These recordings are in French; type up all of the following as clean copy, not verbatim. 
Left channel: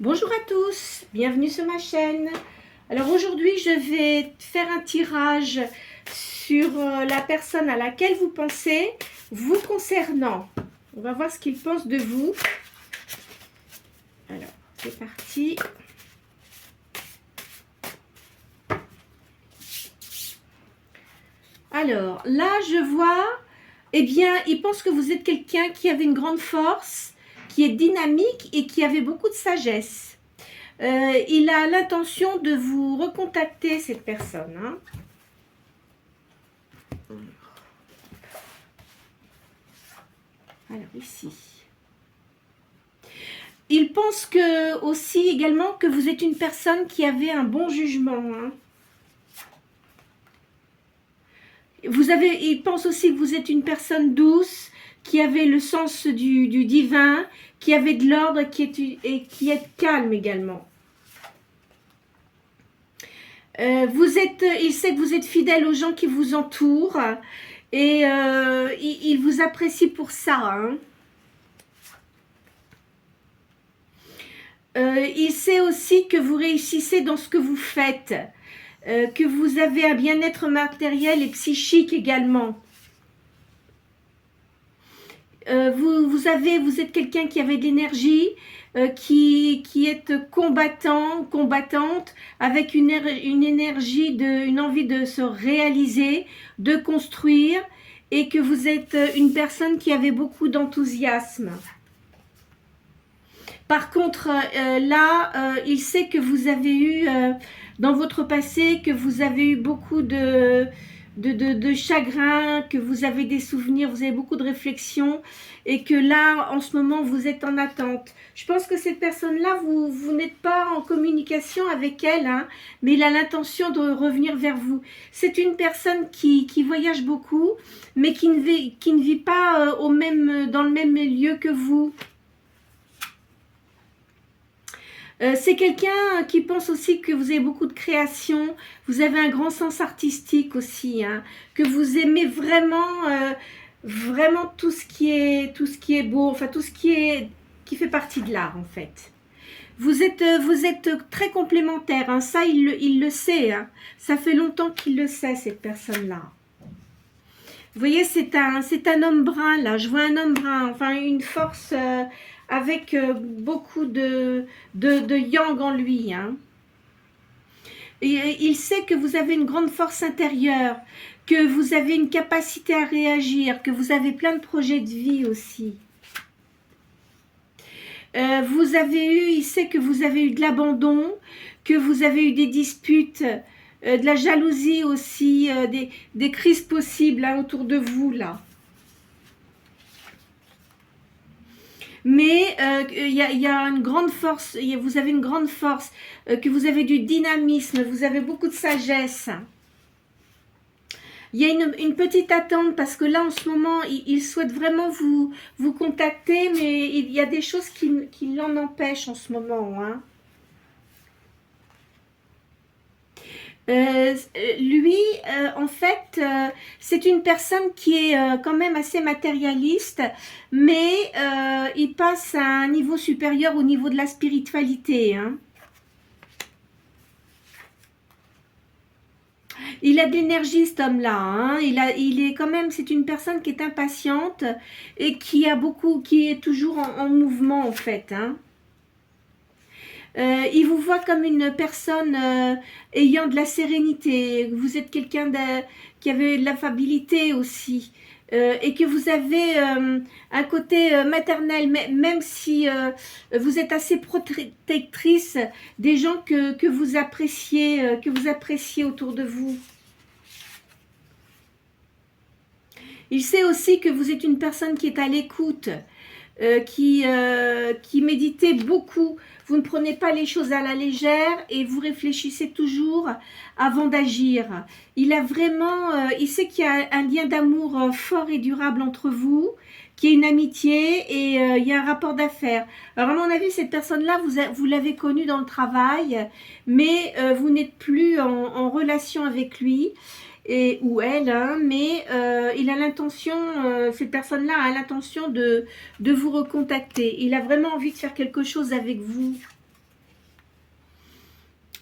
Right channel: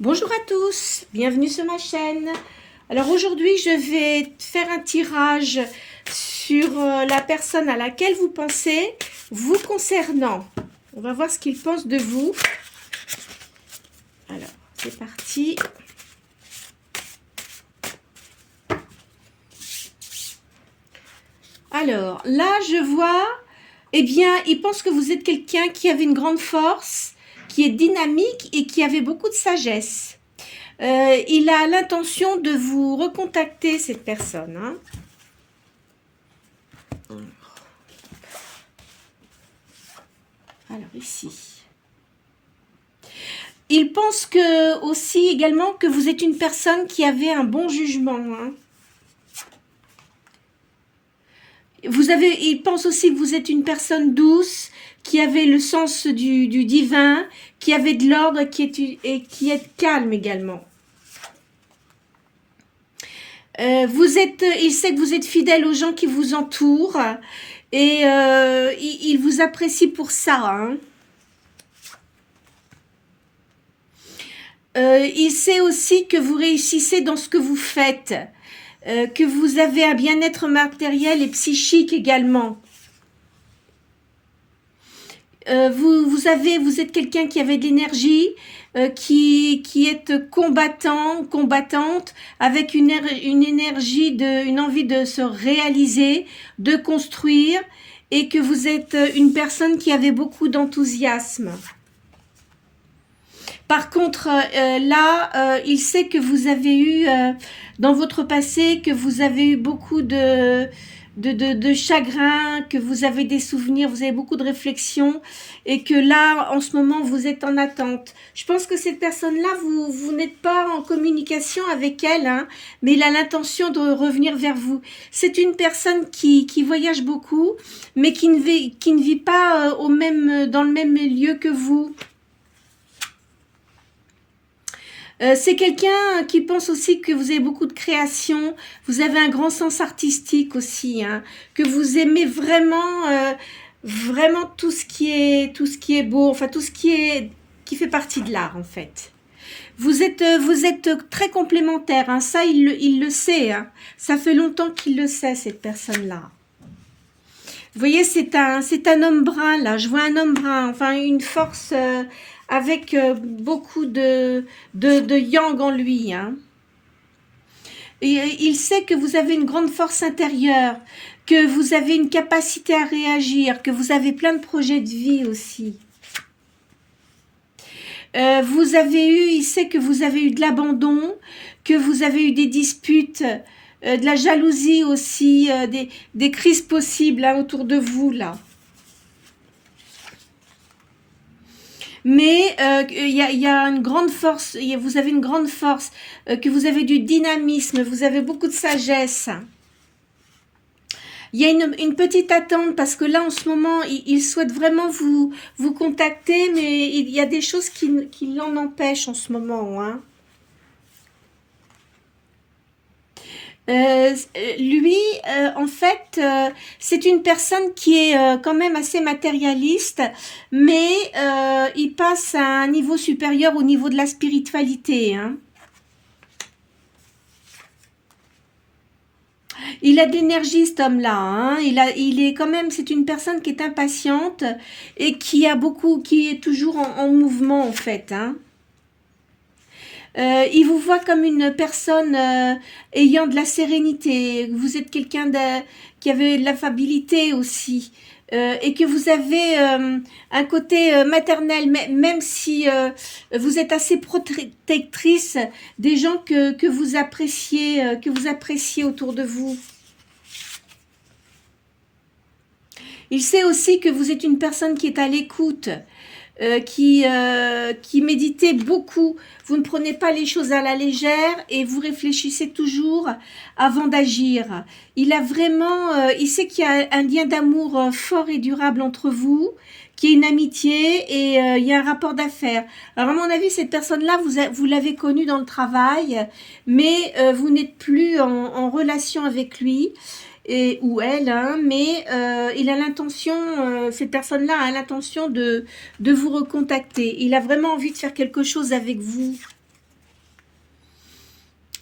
Bonjour à tous, bienvenue sur ma chaîne. Alors aujourd'hui, je vais faire un tirage sur la personne à laquelle vous pensez, vous concernant. On va voir ce qu'il pense de vous. Alors, c'est parti. Alors, là, je vois, eh bien, il pense que vous êtes quelqu'un qui avait une grande force, qui est dynamique et qui avait beaucoup de sagesse. Il a l'intention de vous recontacter, cette personne. Hein. Alors, ici. Il pense que, aussi également que vous êtes une personne qui avait un bon jugement. Hein. Il pense aussi que vous êtes une personne douce, qui avait le sens du divin, qui avait de l'ordre et qui est calme également. Il sait que vous êtes fidèle aux gens qui vous entourent et il vous apprécie pour ça. Hein. Il sait aussi que vous réussissez dans ce que vous faites, que vous avez un bien-être matériel et psychique également. Vous êtes quelqu'un qui avait de l'énergie, qui est combattant, combattante, avec une énergie, une envie de se réaliser, de construire, et que vous êtes une personne qui avait beaucoup d'enthousiasme. Par contre, il sait que vous avez eu, dans votre passé, que vous avez eu beaucoup de chagrin, que vous avez des souvenirs, vous avez beaucoup de réflexions et que là, en ce moment, vous êtes en attente. Je pense que cette personne-là, vous n'êtes pas en communication avec elle, hein, mais il a l'intention de revenir vers vous. C'est une personne qui voyage beaucoup, mais qui ne vit pas dans le même lieu que vous. C'est quelqu'un qui pense aussi que vous avez beaucoup de création, vous avez un grand sens artistique aussi, hein, que vous aimez vraiment tout ce qui est beau, enfin tout ce qui fait partie de l'art en fait. Vous êtes très complémentaires, hein, ça il le sait, hein, ça fait longtemps qu'il le sait cette personne-là. Vous voyez, c'est un homme brun là, je vois un homme brun, enfin une force avec beaucoup de yang en lui. Hein. Et il sait que vous avez une grande force intérieure, que vous avez une capacité à réagir, que vous avez plein de projets de vie aussi. Il sait que vous avez eu de l'abandon, que vous avez eu des disputes, de la jalousie aussi, des crises possibles là, autour de vous là. Mais il y a une grande force, vous avez une grande force, que vous avez du dynamisme, vous avez beaucoup de sagesse. Il y a une petite attente parce que là en ce moment il souhaite vraiment vous contacter, mais il y a des choses qui l'en empêchent en ce moment. Hein. Lui, en fait, c'est une personne qui est quand même assez matérialiste, mais il passe à un niveau supérieur au niveau de la spiritualité. Hein. Il a de l'énergie, cet homme-là. Hein. Il est quand même, c'est une personne qui est impatiente et qui est toujours en mouvement en fait. Hein. Il vous voit comme une personne ayant de la sérénité. Vous êtes quelqu'un qui avait de l'affabilité aussi. Et que vous avez un côté maternel, même si vous êtes assez protectrice des gens que vous appréciez autour de vous. Il sait aussi que vous êtes une personne qui est à l'écoute, qui méditez beaucoup. Vous ne prenez pas les choses à la légère et vous réfléchissez toujours avant d'agir. Il sait qu'il y a un lien d'amour fort et durable entre vous, qu'il y a une amitié et il y a un rapport d'affaires. Alors à mon avis, cette personne-là, vous l'avez connue dans le travail, mais vous n'êtes plus en relation avec lui. Ou elle, hein, mais il a l'intention, cette personne-là a l'intention de vous recontacter. Il a vraiment envie de faire quelque chose avec vous.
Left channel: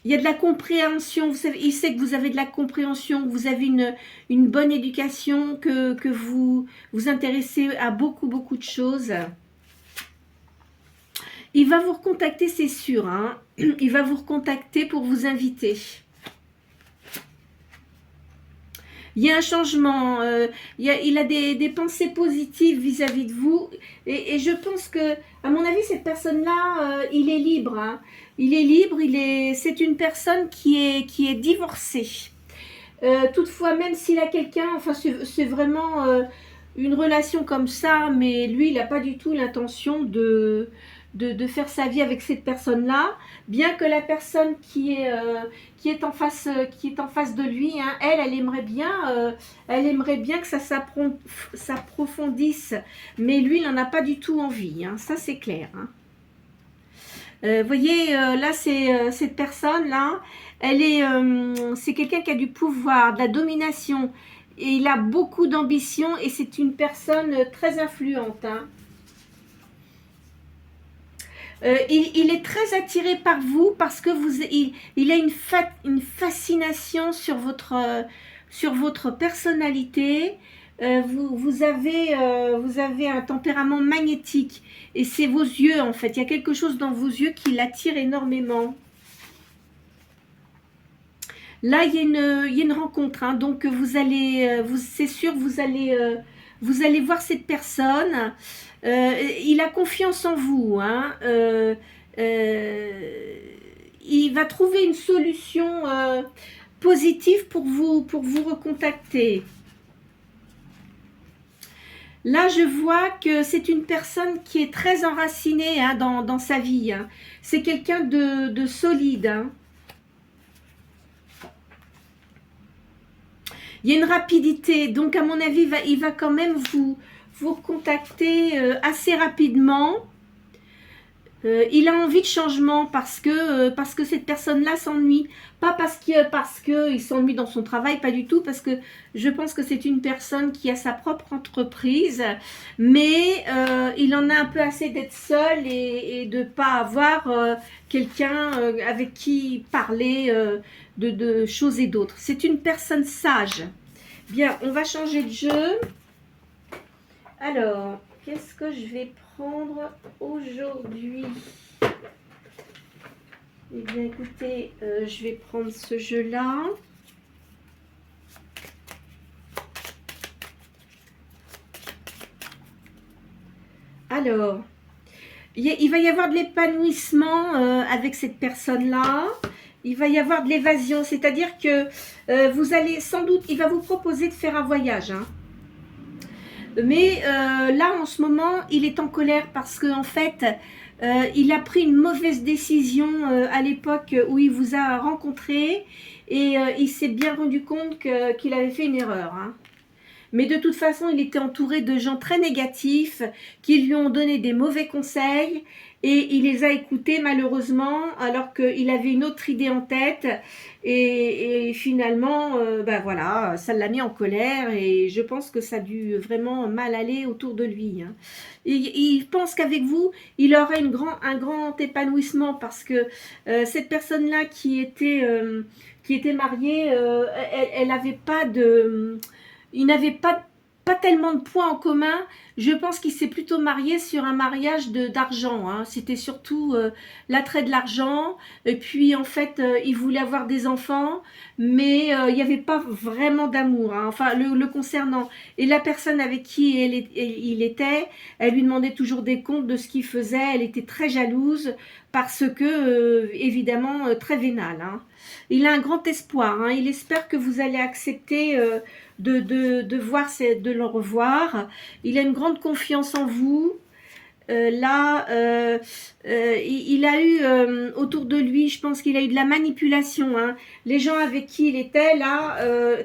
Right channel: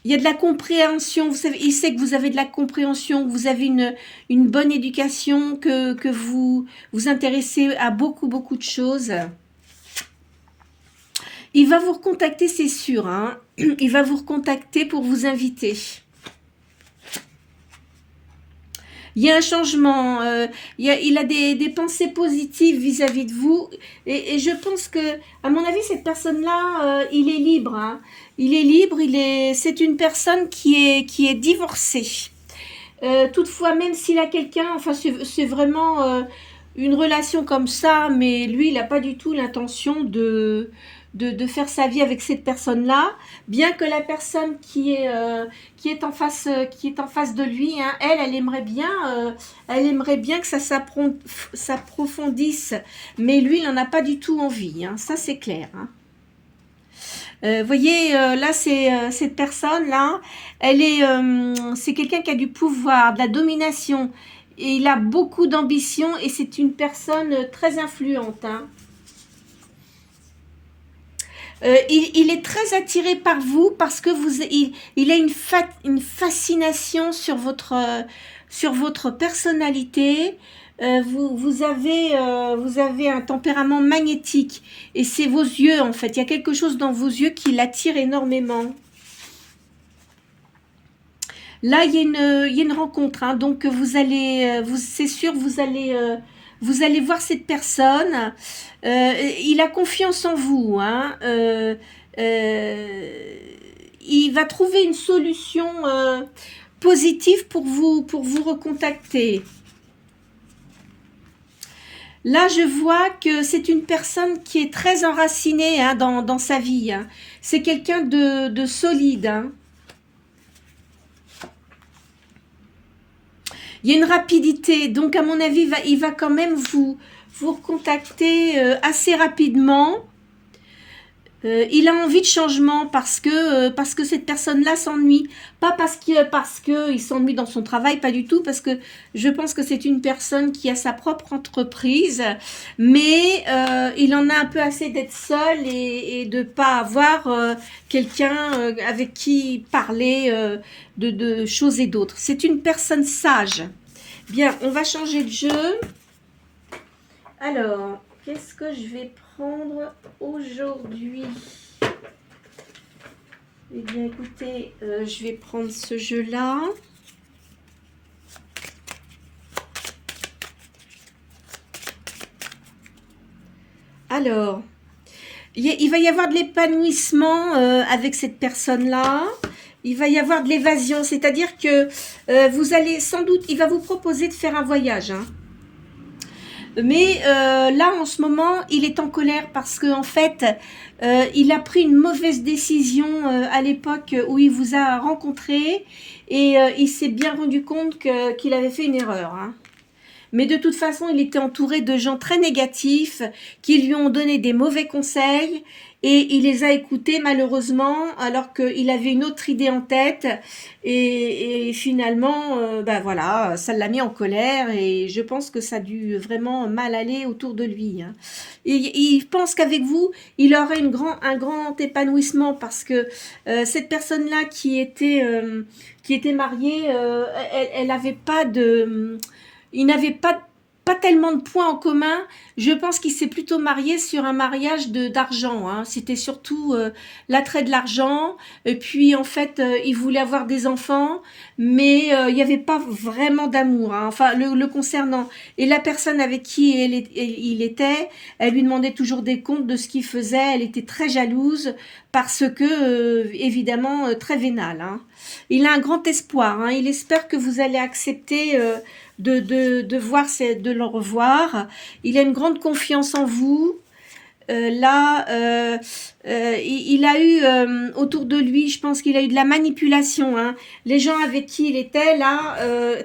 Il y a de la compréhension, vous savez, il sait que vous avez de la compréhension, que vous avez une bonne éducation, que vous vous intéressez à beaucoup, beaucoup de choses. Il va vous recontacter, c'est sûr, hein. Il va vous recontacter pour vous inviter. Il y a un changement, il a des pensées positives vis-à-vis de vous. Et je pense que, à mon avis, cette personne-là, il est libre. Hein. Il est libre, c'est une personne qui est divorcée. Toutefois, même s'il a quelqu'un, enfin, c'est vraiment une relation comme ça, mais lui, il n'a pas du tout l'intention de faire sa vie avec cette personne-là, bien que la personne qui est en face de lui, hein, elle aimerait bien que ça s'approfondisse, mais lui, il n'en a pas du tout envie, hein, ça c'est clair. Hein. Voyez, là, c'est cette personne-là, c'est quelqu'un qui a du pouvoir, de la domination, et il a beaucoup d'ambition, et c'est une personne très influente, hein. Il est très attiré par vous parce que il a une fascination sur votre personnalité. Vous avez un tempérament magnétique et c'est vos yeux en fait. Il y a quelque chose dans vos yeux qui l'attire énormément. Là, il y a une rencontre, hein, donc c'est sûr, vous allez voir cette personne. Il a confiance en vous. Hein, il va trouver une solution positive pour vous recontacter. Là, je vois que c'est une personne qui est très enracinée, hein, dans sa vie. Hein. C'est quelqu'un de solide. Hein. Il y a une rapidité, donc à mon avis, il va quand même vous contacter assez rapidement. Il a envie de changement parce que cette personne-là s'ennuie. Pas parce qu'il s'ennuie dans son travail, pas du tout, parce que je pense que c'est une personne qui a sa propre entreprise, mais il en a un peu assez d'être seul et de ne pas avoir quelqu'un avec qui parler de choses et d'autres. C'est une personne sage. Bien, on va changer de jeu. Alors, qu'est-ce que je vais prendre aujourd'hui? Eh bien, écoutez, je vais prendre ce jeu-là. Alors, il va y avoir de l'épanouissement avec cette personne-là. Il va y avoir de l'évasion, c'est-à-dire que vous allez sans doute, il va vous proposer de faire un voyage. Hein. Mais là, en ce moment, il est en colère parce qu'en fait, il a pris une mauvaise décision à l'époque où il vous a rencontré et il s'est bien rendu compte qu'il avait fait une erreur. Hein. Mais de toute façon, il était entouré de gens très négatifs qui lui ont donné des mauvais conseils et il les a écoutés malheureusement alors qu'il avait une autre idée en tête et finalement, voilà, ça l'a mis en colère et je pense que ça a dû vraiment mal aller autour de lui. Hein. Et il pense qu'avec vous, il aurait un grand épanouissement parce que cette personne-là qui était mariée, elle n'avait pas de... Il n'avait pas tellement de points en commun. Je pense qu'il s'est plutôt marié sur un mariage d'argent. Hein. C'était surtout l'attrait de l'argent. Et puis, en fait, il voulait avoir des enfants, mais il n'y avait pas vraiment d'amour. Hein. Enfin, le concernant. Et la personne avec qui il était, elle lui demandait toujours des comptes de ce qu'il faisait. Elle était très jalouse parce que, évidemment, très vénale. Hein. Il a un grand espoir. Hein. Il espère que vous allez accepter... de le revoir. Il a une grande confiance en vous. Il a eu autour de lui, je pense qu'il a eu de la manipulation. Hein. Les gens avec qui il était là,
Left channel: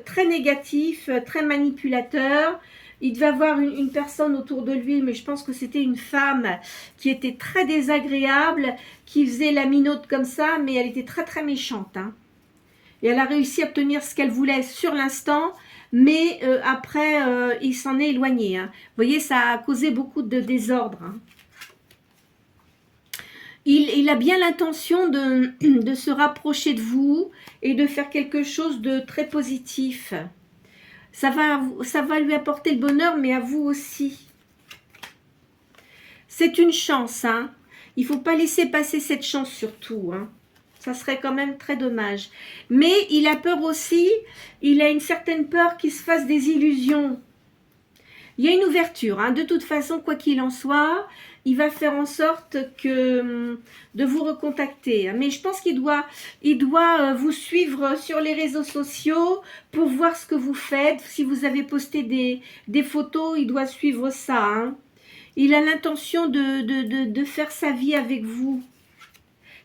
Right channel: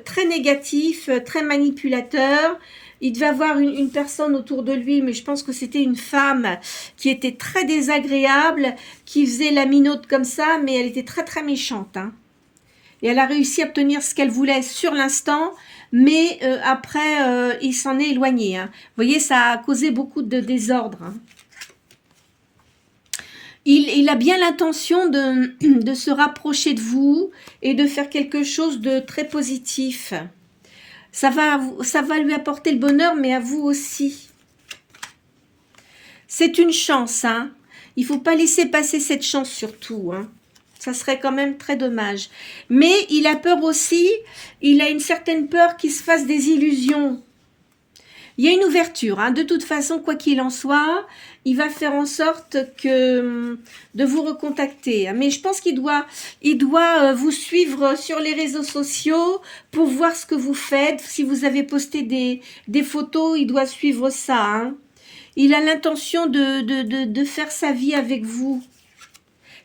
très négatifs, très manipulateurs. Il devait avoir une personne autour de lui, mais je pense que c'était une femme qui était très désagréable, qui faisait la minote comme ça, mais elle était très très méchante. Hein. Et elle a réussi à obtenir ce qu'elle voulait sur l'instant, mais après, il s'en est éloigné. Hein. Vous voyez, ça a causé beaucoup de désordre. Hein. il a bien l'intention de se rapprocher de vous et de faire quelque chose de très positif. Ça va lui apporter le bonheur, mais à vous aussi. C'est une chance, hein. Il ne faut pas laisser passer cette chance surtout, hein. Ça serait quand même très dommage. Mais il a peur aussi, il a une certaine peur qu'il se fasse des illusions. Il y a une ouverture, hein. De toute façon, quoi qu'il en soit, il va faire en sorte de vous recontacter. Mais je pense qu'il doit vous suivre sur les réseaux sociaux pour voir ce que vous faites. Si vous avez posté des photos, il doit suivre ça, hein. Il a l'intention de faire sa vie avec vous.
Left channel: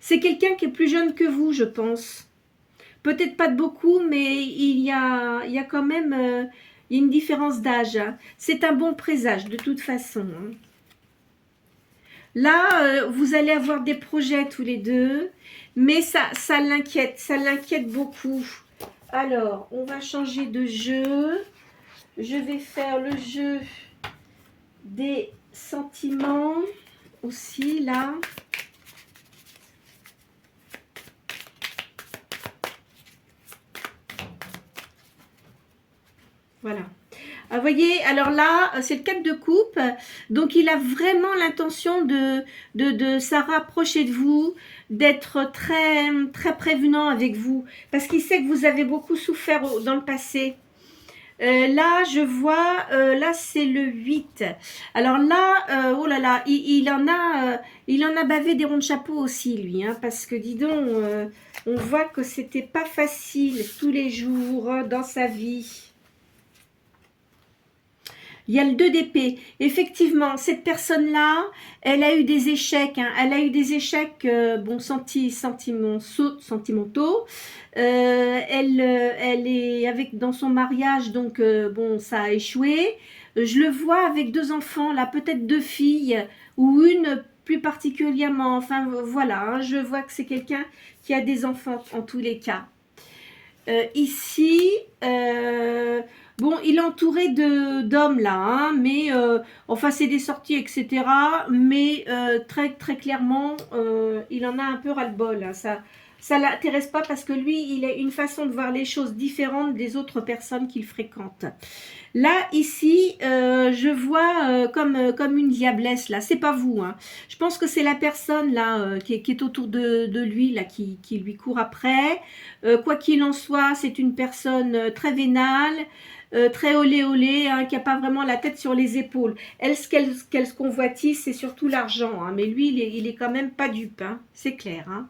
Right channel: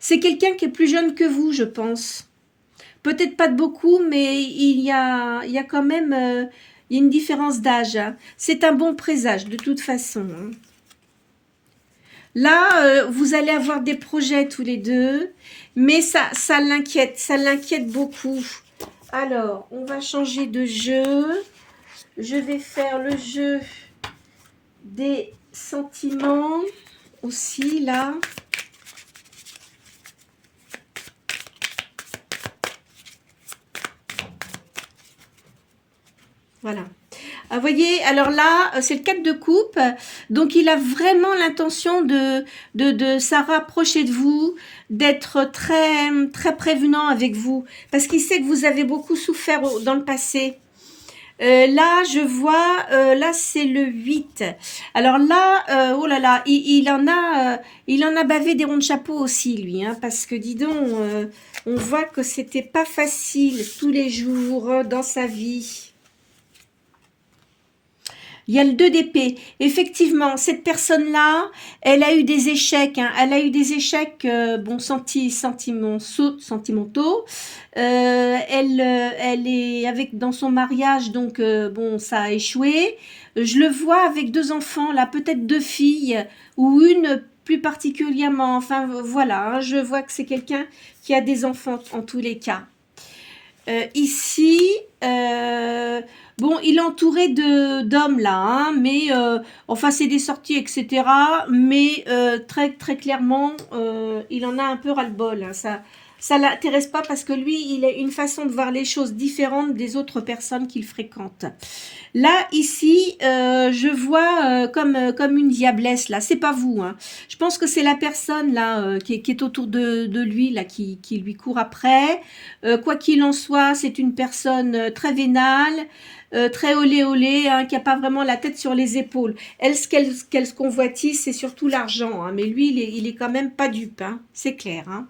C'est quelqu'un qui est plus jeune que vous, je pense. Peut-être pas de beaucoup, mais il y a quand même il y a une différence d'âge, hein. C'est un bon présage, de toute façon, hein. Là, vous allez avoir des projets tous les deux, mais ça l'inquiète beaucoup. Alors, on va changer de jeu. Je vais faire le jeu des sentiments aussi, là. Voilà. Vous voyez, alors là, c'est le 4 de coupe. Donc, il a vraiment l'intention de se rapprocher de vous, d'être très, très prévenant avec vous. Parce qu'il sait que vous avez beaucoup souffert dans le passé. Là, je vois, là, c'est le 8. Alors là, oh là là, il en a bavé des ronds de chapeau aussi, lui. Hein, parce que, dis donc, on voit que c'était pas facile tous les jours dans sa vie. Il y a le 2 d'épée. Effectivement, cette personne-là, elle a eu des échecs. Hein. Elle a eu des échecs bon, sentimentaux. Elle est avec dans son mariage, donc bon, ça a échoué. Je le vois avec 2 enfants, là, peut-être 2 filles, ou une plus particulièrement. Enfin, voilà, hein, je vois que c'est quelqu'un qui a des enfants en tous les cas. Ici, bon, il est entouré d'hommes là, hein, mais enfin c'est des sorties, etc. Mais très très clairement, il en a un peu ras-le-bol. Hein, ça l'intéresse pas parce que lui, il a une façon de voir les choses différentes des autres personnes qu'il fréquente. Là, ici, je vois comme une diablesse, là. C'est pas vous, hein. Je pense que c'est la personne, là, qui est autour de lui, là, qui lui court après. Quoi qu'il en soit, c'est une personne très vénale, très olé olé, hein, qui a pas vraiment la tête sur les épaules. Elle, ce qu'elle convoitise, c'est surtout l'argent, hein. Mais lui, il est quand même pas dupe, hein. C'est clair, hein.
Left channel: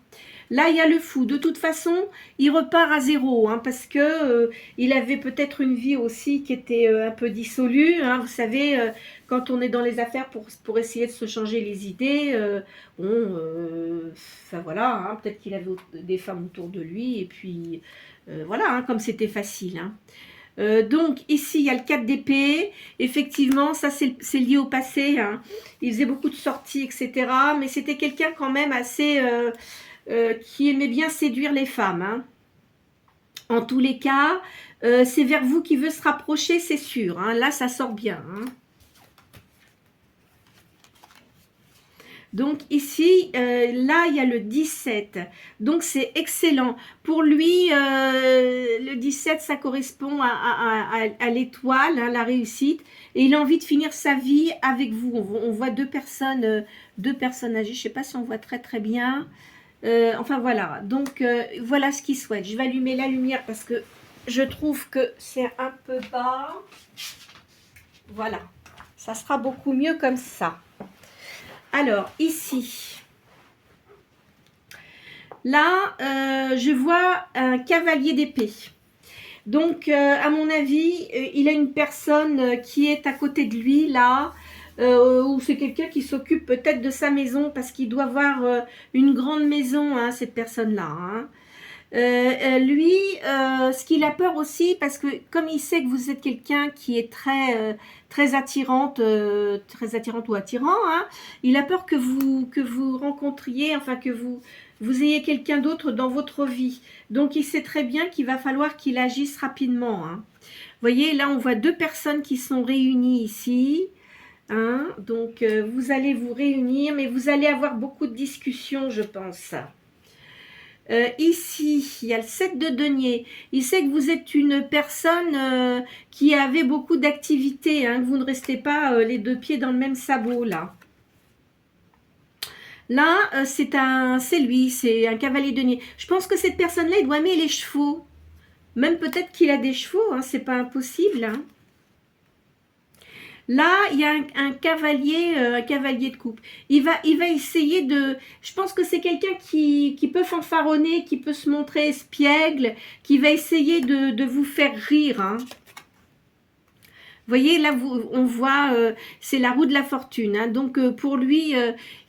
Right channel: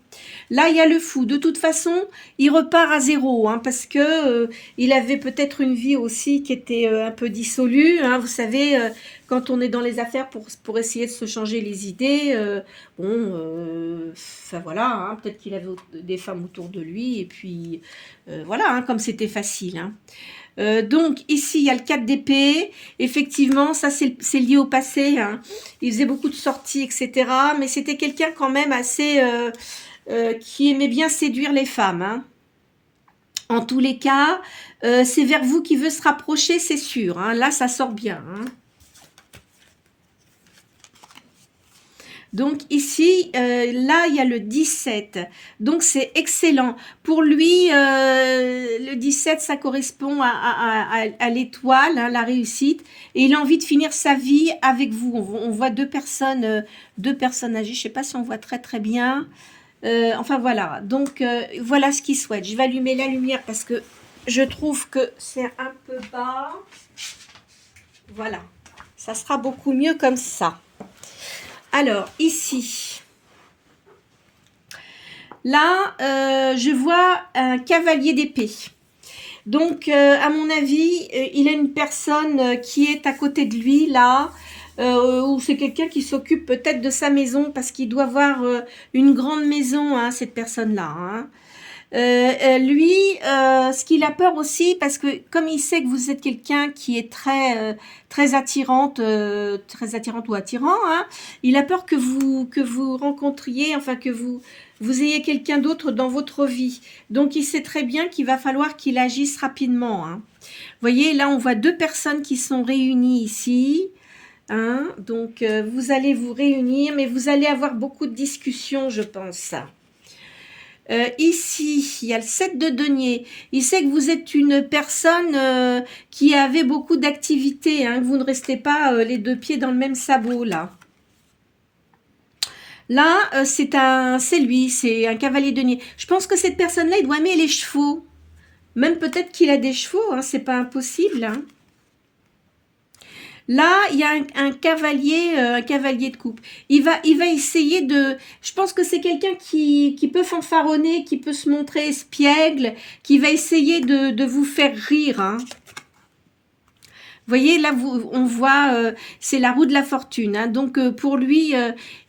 Là, il y a le fou. De toute façon, il repart à zéro, hein, parce que il avait peut-être une vie aussi qui était un peu dissolue, hein, vous savez, quand on est dans les affaires pour essayer de se changer les idées, bon, enfin voilà, hein, peut-être qu'il avait des femmes autour de lui, et puis voilà, hein, comme c'était facile, hein. Donc ici il y a le 4 d'épée, effectivement ça c'est lié au passé, hein. Il faisait beaucoup de sorties, etc. Mais c'était quelqu'un quand même assez qui aimait bien séduire les femmes, hein. En tous les cas, c'est vers vous qu'il veut se rapprocher, c'est sûr, hein. Là, ça sort bien, hein. Donc ici, là, il y a le 17. Donc c'est excellent. Pour lui, le 17, ça correspond à l'étoile, hein, la réussite. Et il a envie de finir sa vie avec vous. On voit deux personnes âgées. Je ne sais pas si on voit très très bien. Enfin voilà. Donc voilà ce qu'il souhaite. Je vais allumer la lumière parce que je trouve que c'est un peu bas. Voilà. Ça sera beaucoup mieux comme ça. Alors, ici, là, je vois un cavalier d'épée. Donc, à mon avis, il a une personne qui est à côté de lui, là, ou c'est quelqu'un qui s'occupe peut-être de sa maison, parce qu'il doit avoir une grande maison, hein, cette personne-là, hein. Lui, ce qu'il a peur aussi, parce que comme il sait que vous êtes quelqu'un qui est très attirante ou attirant, hein, il a peur que vous rencontriez, enfin que vous ayez quelqu'un d'autre dans votre vie. Donc il sait très bien qu'il va falloir qu'il agisse rapidement, hein. Vous voyez, là on voit deux personnes qui sont réunies ici. Hein, donc, vous allez vous réunir, mais vous allez avoir beaucoup de discussions, je pense. Ici, il y a le 7 de denier. Il sait que vous êtes une personne qui avait beaucoup d'activités, hein, que vous ne restez pas les deux pieds dans le même sabot, là. Là, c'est lui, c'est un cavalier denier. Je pense que cette personne-là, il doit aimer les chevaux. Même peut-être qu'il a des chevaux, hein, c'est pas impossible. Hein. Là, il y a un cavalier de coupe. Il va essayer de... Je pense que c'est quelqu'un qui peut fanfaronner, qui peut se montrer espiègle, qui va essayer de vous faire rire. Hein. Vous voyez, là, on voit, c'est la roue de la fortune. Hein. Donc, pour lui,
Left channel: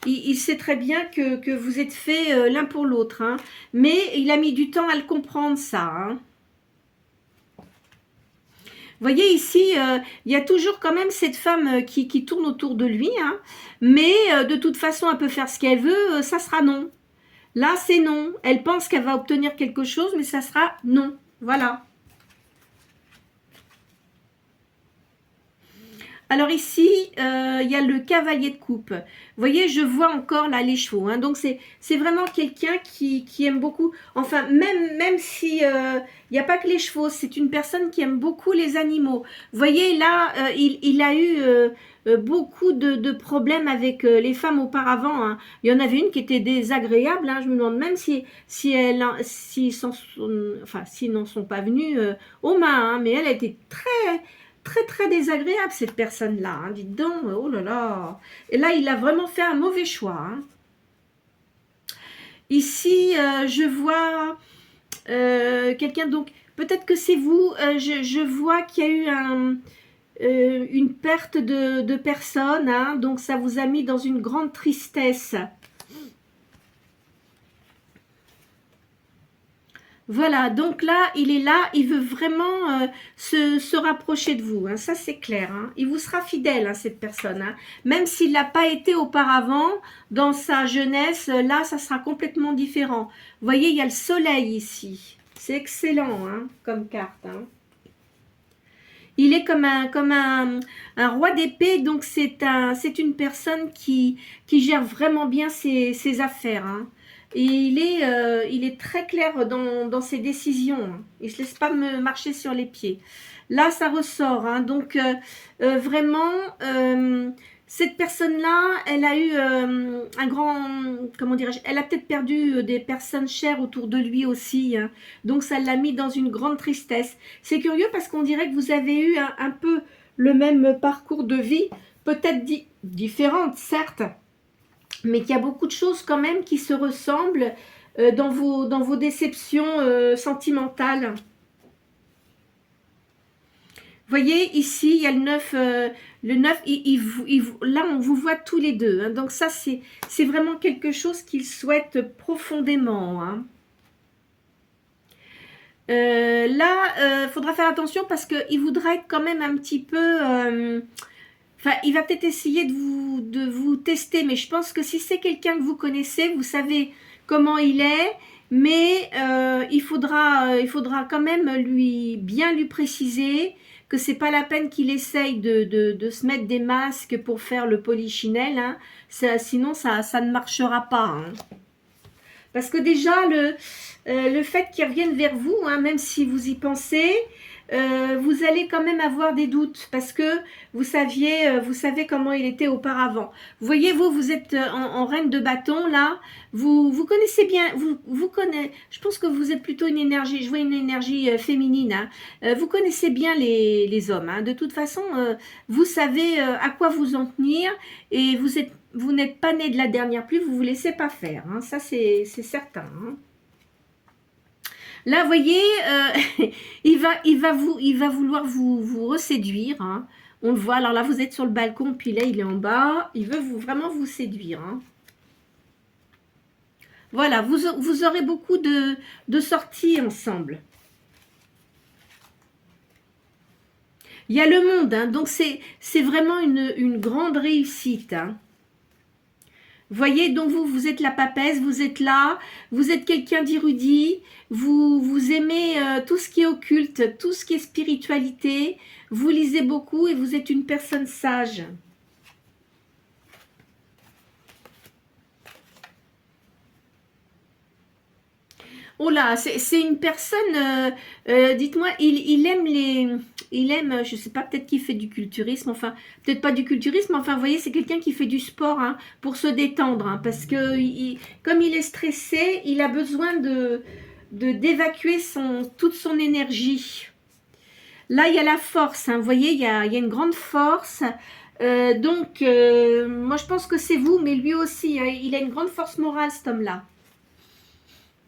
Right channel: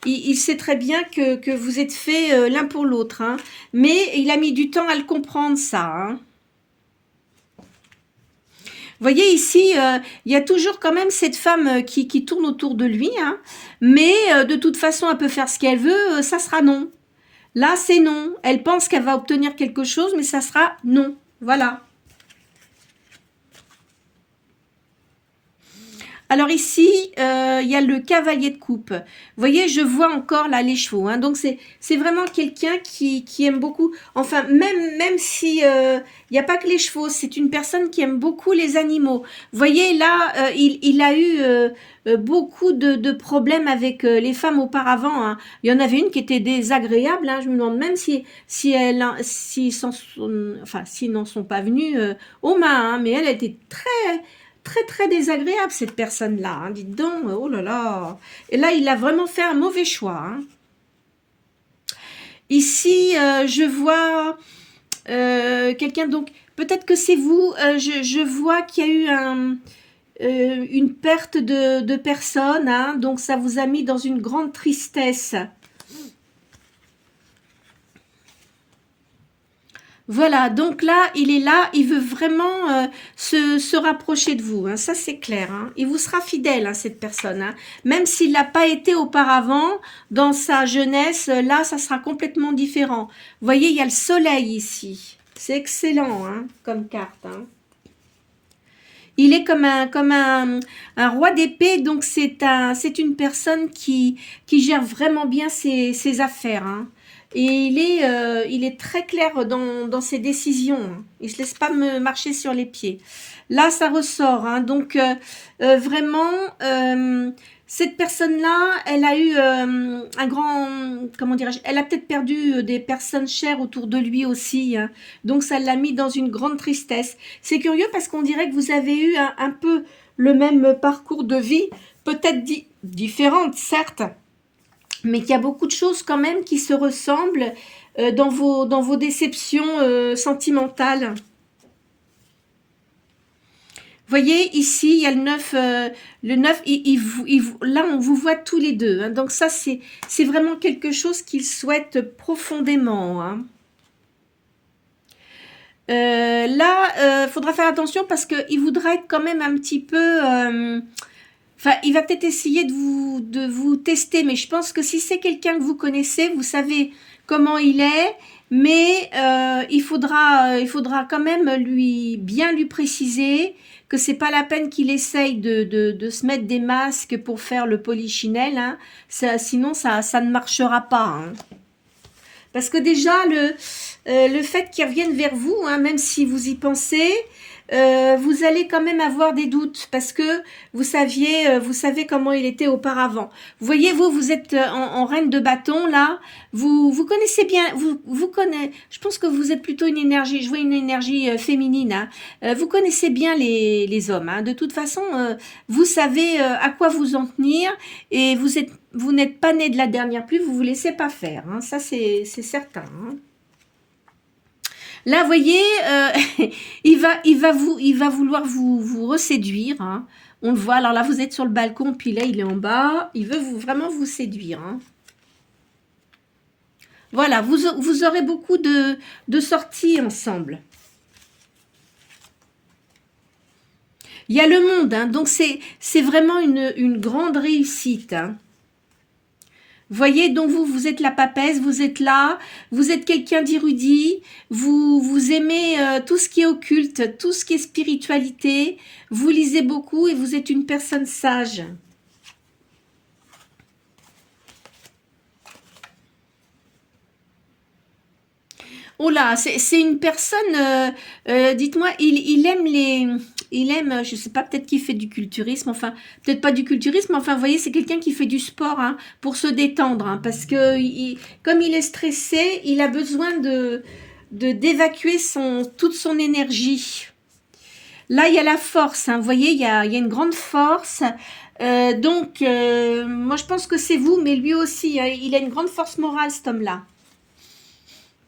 il sait très bien que vous êtes faits l'un pour l'autre. Hein. Mais il a mis du temps à le comprendre, ça. Hein. Vous voyez ici, il y a toujours quand même cette femme qui tourne autour de lui, hein, mais de toute façon, elle peut faire ce qu'elle veut, ça sera non. Là, c'est non. Elle pense qu'elle va obtenir quelque chose, mais ça sera non. Voilà. Alors ici, il y a le cavalier de coupe. Vous voyez, je vois encore là les chevaux. Hein. Donc c'est vraiment quelqu'un qui aime beaucoup. Enfin, même si il n'y a pas que les chevaux, c'est une personne qui aime beaucoup les animaux. Vous voyez, là, il a eu beaucoup de problèmes avec les femmes auparavant. Hein. Il y en avait une qui était désagréable. Hein. Je me demande même s'ils n'en sont pas venus aux mains. Hein. Mais elle était très désagréable cette personne-là, hein. Dites donc, oh là là. Et là, il a vraiment fait un mauvais choix. Hein. Ici, je vois quelqu'un, donc peut-être que c'est vous, je vois qu'il y a eu une perte de personnes, hein, donc ça vous a mis dans une grande tristesse. Voilà, donc là, il est là, il veut vraiment se rapprocher de vous, hein, ça c'est clair. Hein. Il vous sera fidèle, hein, cette personne. Hein. Même s'il l'a pas été auparavant, dans sa jeunesse, là, ça sera complètement différent. Vous voyez, il y a le soleil ici. C'est excellent hein, comme carte. Hein. Il est comme un roi d'épée, donc c'est une personne qui gère vraiment bien ses affaires. Hein. Et il est très clair dans ses décisions. Hein. Il ne se laisse pas me marcher sur les pieds. Là, ça ressort. Hein. Donc, vraiment, cette personne-là, elle a eu un grand... Comment dirais-je? Elle a peut-être perdu des personnes chères autour de lui aussi. Hein. Donc, ça l'a mis dans une grande tristesse. C'est curieux parce qu'on dirait que vous avez eu un peu le même parcours de vie, peut-être différente, certes, mais qu'il y a beaucoup de choses quand même qui se ressemblent dans vos déceptions sentimentales. Vous voyez, ici, il y a le 9. Le 9, là, on vous voit tous les deux. Hein, donc ça, c'est vraiment quelque chose qu'il souhaite profondément. Hein. Là, faudra faire attention parce qu'il voudra être quand même un petit peu... Enfin, il va peut-être essayer de vous tester, mais je pense que si c'est quelqu'un que vous connaissez, vous savez comment il est, mais il faudra quand même bien lui préciser que c'est pas la peine qu'il essaye de se mettre des masques pour faire le polichinelle, hein. Sinon ça ne marchera pas. Hein. Parce que déjà, le fait qu'il revienne vers vous, hein, même si vous y pensez, vous allez quand même avoir des doutes parce que vous savez comment il était auparavant. Vous voyez, vous êtes en reine de bâton, là. Vous connaissez bien, je pense que vous êtes plutôt une énergie, je vois une énergie féminine. Hein. Vous connaissez bien les hommes. Hein. De toute façon, vous savez à quoi vous en tenir et vous n'êtes pas né de la dernière pluie, vous vous laissez pas faire. Hein. Ça, c'est certain. Hein. Là, vous voyez, il va vouloir vous reséduire. Hein. On le voit. Alors là, vous êtes sur le balcon, puis là, il est en bas. Il veut vraiment vous séduire. Hein. Voilà, vous aurez beaucoup de sorties ensemble. Il y a le monde, hein, donc c'est vraiment une grande réussite. Hein. Voyez, donc vous êtes la papesse, vous êtes là, vous êtes quelqu'un d'érudit, vous aimez tout ce qui est occulte, tout ce qui est spiritualité, vous lisez beaucoup et vous êtes une personne sage. Oh là, c'est une personne, dites-moi, il aime je sais pas, peut-être qu'il fait du culturisme, enfin, peut-être pas du culturisme, enfin, vous voyez, c'est quelqu'un qui fait du sport, hein, pour se détendre, hein, parce que comme il est stressé, il a besoin d'évacuer toute son énergie. Là, il y a la force, hein, vous voyez, il y a une grande force. Donc, moi, je pense que c'est vous, mais lui aussi, hein, il a une grande force morale, cet homme-là.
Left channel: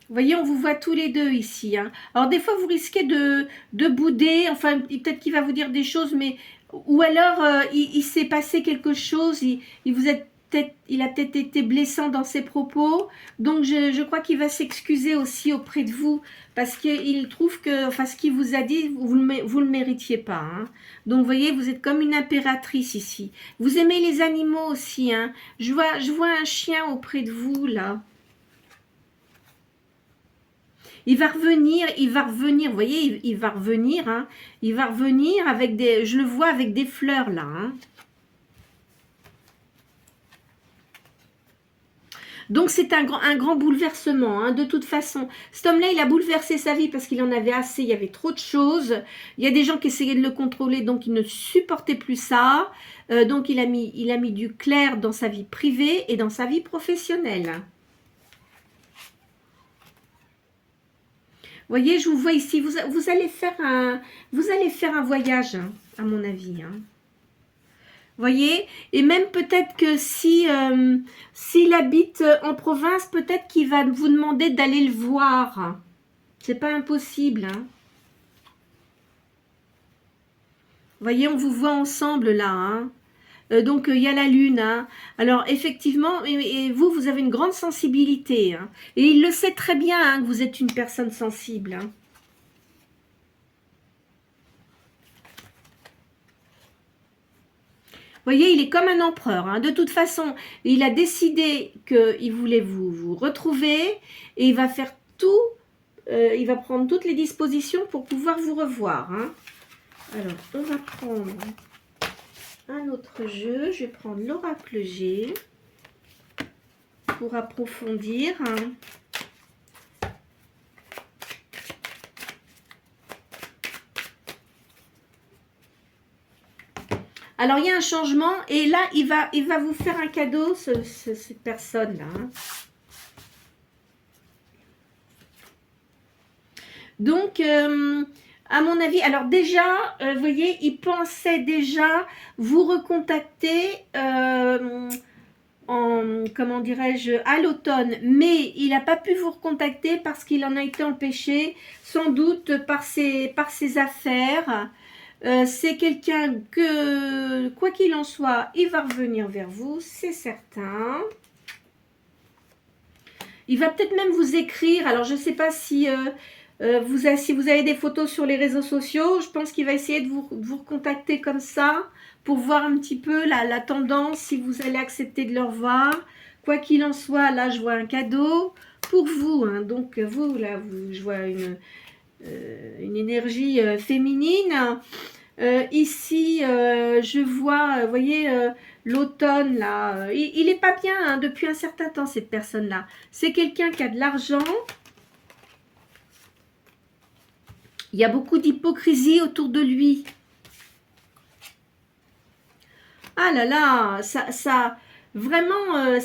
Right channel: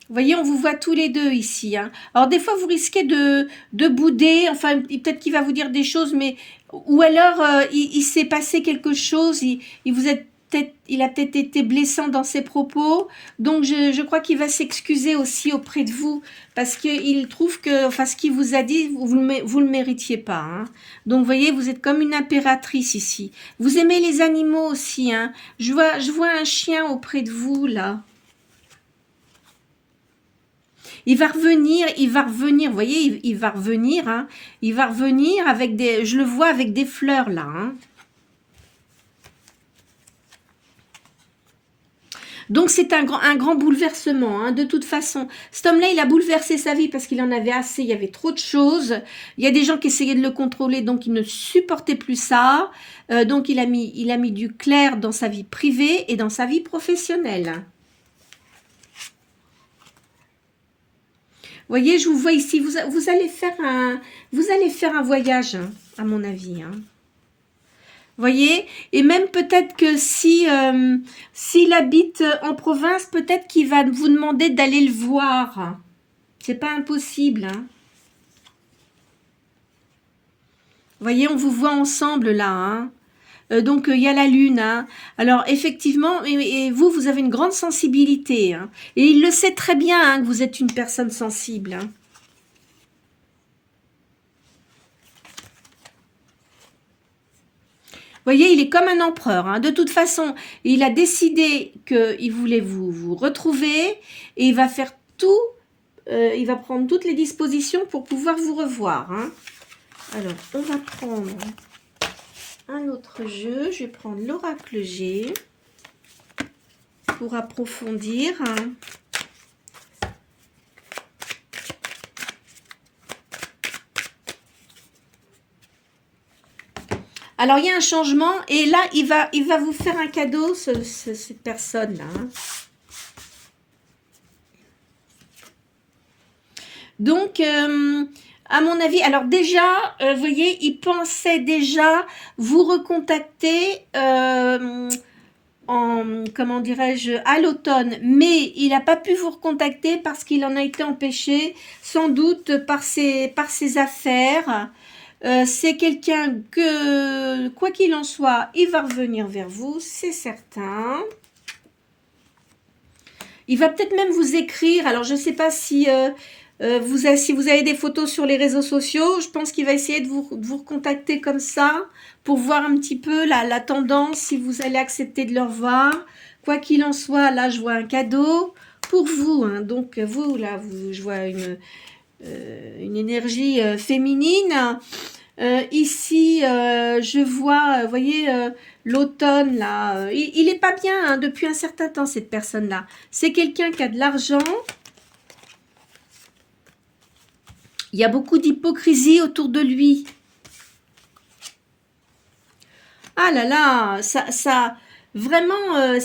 Vous voyez, on vous voit tous les deux ici, hein. Alors, des fois, vous risquez de bouder. Enfin, peut-être qu'il va vous dire des choses, mais... Ou alors, il s'est passé quelque chose. Il a peut-être été blessant dans ses propos. Donc, je crois qu'il va s'excuser aussi auprès de vous. Parce qu'il trouve que... Enfin, ce qu'il vous a dit, vous le méritiez pas, hein. Donc, vous voyez, vous êtes comme une impératrice ici. Vous aimez les animaux aussi, hein. Je vois un chien auprès de vous, là. Il va revenir, vous voyez, il va revenir, hein, il va revenir avec je le vois avec des fleurs là, hein. Donc c'est un grand bouleversement, hein, de toute façon. Cet homme-là, il a bouleversé sa vie parce qu'il en avait assez, il y avait trop de choses. Il y a des gens qui essayaient de le contrôler, donc il ne supportait plus ça. Donc il a mis du clair dans sa vie privée et dans sa vie professionnelle. Vous voyez, je vous vois ici, vous allez faire un voyage, hein, à mon avis, hein. Vous voyez, et même peut-être que s'il habite en province, peut-être qu'il va vous demander d'aller le voir. C'est pas impossible, hein. Vous voyez, on vous voit ensemble là, hein. Donc il y a la lune, hein. Alors effectivement, et vous avez une grande sensibilité, hein. Et il le sait très bien, hein, que vous êtes une personne sensible, hein. Vous voyez, il est comme un empereur, hein. De toute façon, il a décidé qu'il voulait vous retrouver et il va faire tout, il va prendre toutes les dispositions pour pouvoir vous revoir, hein. Alors, on va prendre un autre jeu. Je vais prendre l'oracle G pour approfondir, hein. Alors, il y a un changement et là, il va vous faire un cadeau, cette personne-là, hein. Donc, à mon avis, alors déjà, vous voyez, il pensait déjà vous recontacter comment dirais-je, à l'automne, mais il n'a pas pu vous recontacter parce qu'il en a été empêché, sans doute par ses affaires. C'est quelqu'un que, quoi qu'il en soit, il va revenir vers vous, c'est certain. Il va peut-être même vous écrire. Alors, je ne sais pas si, si vous avez des photos sur les réseaux sociaux. Je pense qu'il va essayer de vous recontacter comme ça pour voir un petit peu la tendance, si vous allez accepter de le revoir. Quoi qu'il en soit, là, je vois un cadeau pour vous, hein. Donc, vous, là, je vois une énergie féminine. Ici, je vois, vous voyez, l'automne, là, il n'est pas bien, hein, depuis un certain temps, cette personne-là. C'est quelqu'un qui a de l'argent. Il y a beaucoup d'hypocrisie autour de lui. Ah là là, vraiment,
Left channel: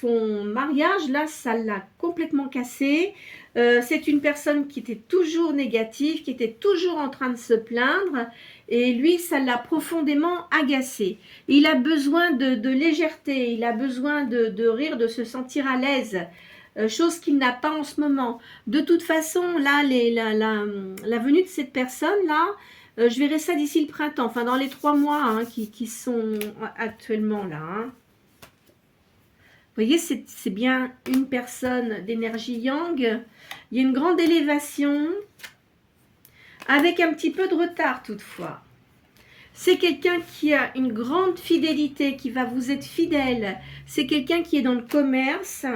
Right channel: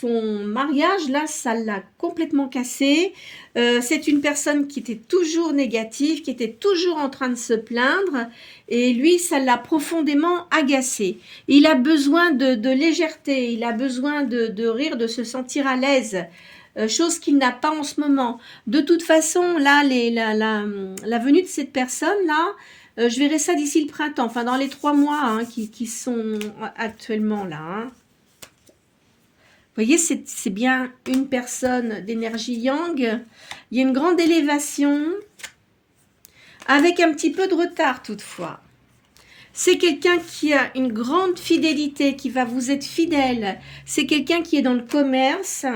son mariage, là, ça l'a complètement cassé. C'est une personne qui était toujours négative, qui était toujours en train de se plaindre. Et lui, ça l'a profondément agacé. Il a besoin de légèreté, il a besoin de rire, de se sentir à l'aise. Chose qu'il n'a pas en ce moment. De toute façon, là, la venue de cette personne-là, je verrai ça d'ici le printemps, enfin dans les 3 mois, hein, qui sont actuellement là, hein. Vous voyez, c'est bien une personne d'énergie yang. Il y a une grande élévation, avec un petit peu de retard toutefois. C'est quelqu'un qui a une grande fidélité, qui va vous être fidèle. C'est quelqu'un qui est dans le commerce.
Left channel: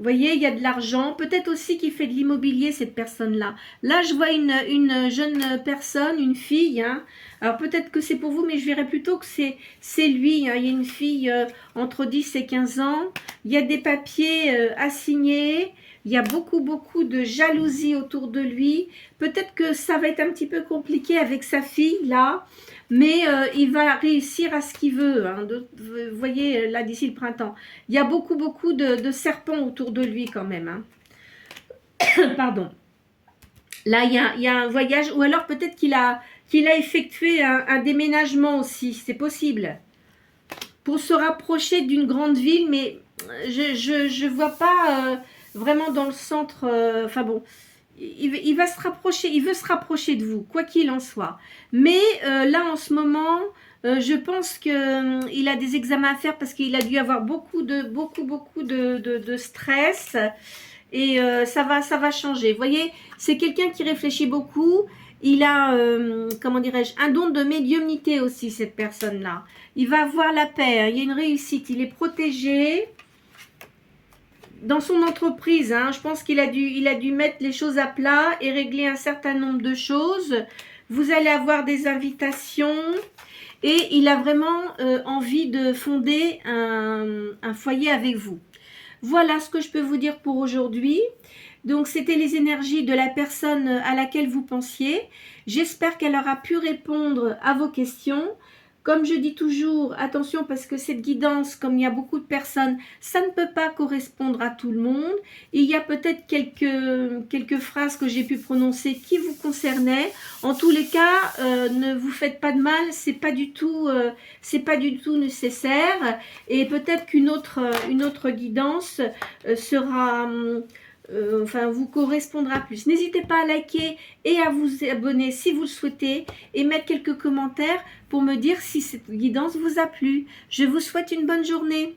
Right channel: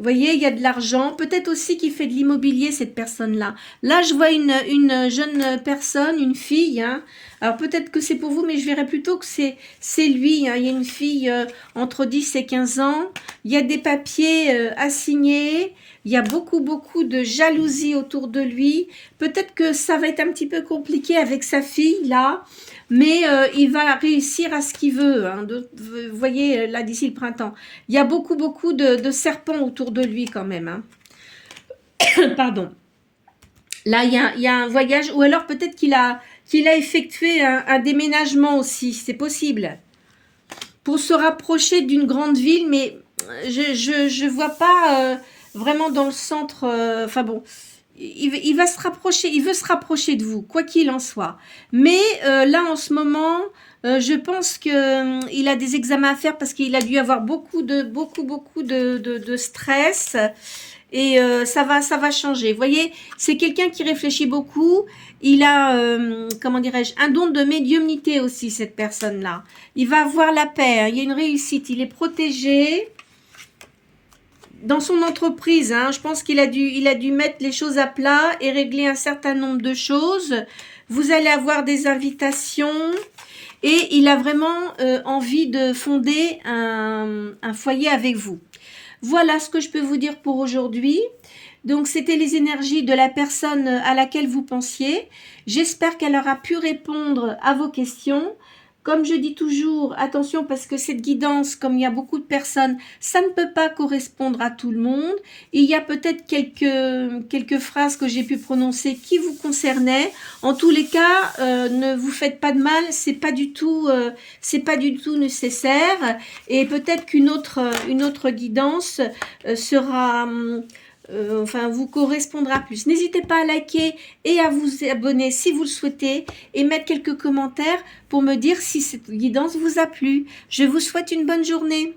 Vous voyez, il y a de l'argent. Peut-être aussi qu'il fait de l'immobilier, cette personne-là. Là, je vois une jeune personne, une fille. Hein. Alors, peut-être que c'est pour vous, mais je verrais plutôt que c'est lui. Hein. Il y a une fille entre 10 et 15 ans. Il y a des papiers à signer. Il y a beaucoup, beaucoup de jalousie autour de lui. Peut-être que ça va être un petit peu compliqué avec sa fille, là. Mais il va réussir à ce qu'il veut. Hein. Vous voyez, là, d'ici le printemps. Il y a beaucoup, beaucoup de serpents autour de lui quand même. Hein. Pardon. Là, il y a un voyage. Ou alors peut-être qu'il a effectué un déménagement aussi. C'est possible. Pour se rapprocher d'une grande ville. Mais je vois pas vraiment dans le centre. Enfin bon. Il va se rapprocher, il veut se rapprocher de vous, quoi qu'il en soit. Mais là, en ce moment, je pense qu'il a des examens à faire parce qu'il a dû avoir beaucoup de stress. Et ça va changer. Vous voyez, c'est quelqu'un qui réfléchit beaucoup. Il a, comment dirais-je, un don de médiumnité aussi, cette personne-là. Il va avoir la paix, hein. Il y a une réussite, il est protégé. Dans son entreprise, hein, je pense qu'il a dû mettre les choses à plat et régler un certain nombre de choses. Vous allez avoir des invitations et il a vraiment envie de fonder un foyer avec vous. Voilà ce que je peux vous dire pour aujourd'hui. Donc, c'était les énergies de la personne à laquelle vous pensiez. J'espère qu'elle aura pu répondre à vos questions. Comme je dis toujours, attention parce que cette guidance, comme il y a beaucoup de personnes, ça ne peut pas correspondre à tout le monde. Il y a peut-être quelques phrases que j'ai pu prononcer qui vous concernaient. En tous les cas, ne vous faites pas de mal, c'est pas du tout nécessaire. Et peut-être qu'une autre guidance sera vous correspondra plus. N'hésitez pas à liker et à vous abonner si vous le souhaitez et mettre quelques commentaires pour me dire si cette guidance vous a plu. Je vous souhaite une bonne journée.